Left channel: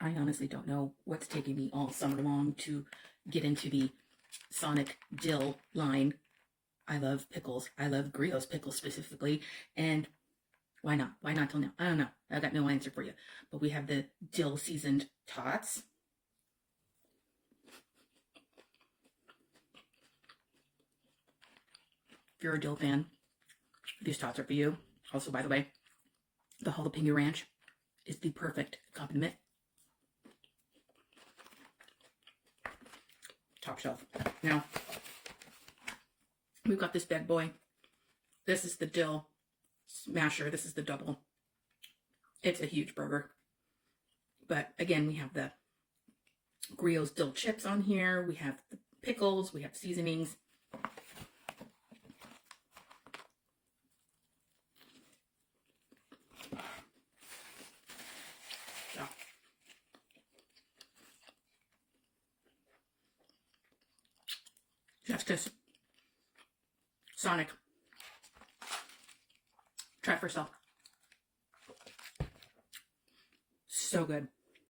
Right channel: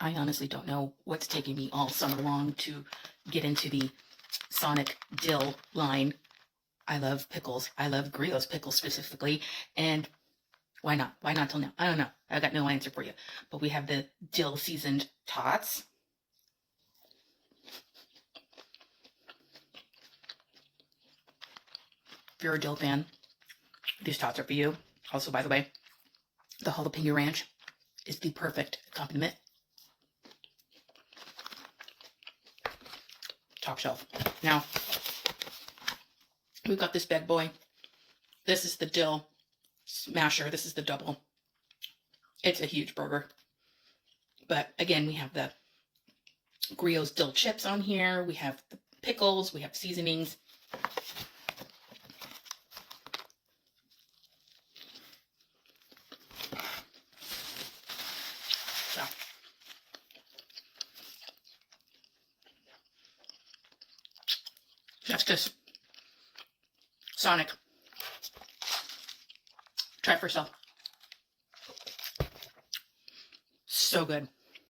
I honestly don't know what's taking me all summer long to get into the Sonic Dill line. I love pickles. I love Griot's pickles specifically. And why not? Why not till now? I don't know. I got no answer for you. But we have the dill seasoned tots. If you're a dill fan, these tots are for you. Also, by the way, the jalapeno ranch is the perfect accompaniment. Top shelf. Now, we've got this bad boy. This is the dill smasher. This is the double. It's a huge burger. But again, we have the Griot's dill chips on here. We have the pickles. We have seasonings. So, that's just Sonic. Try for yourself. So good.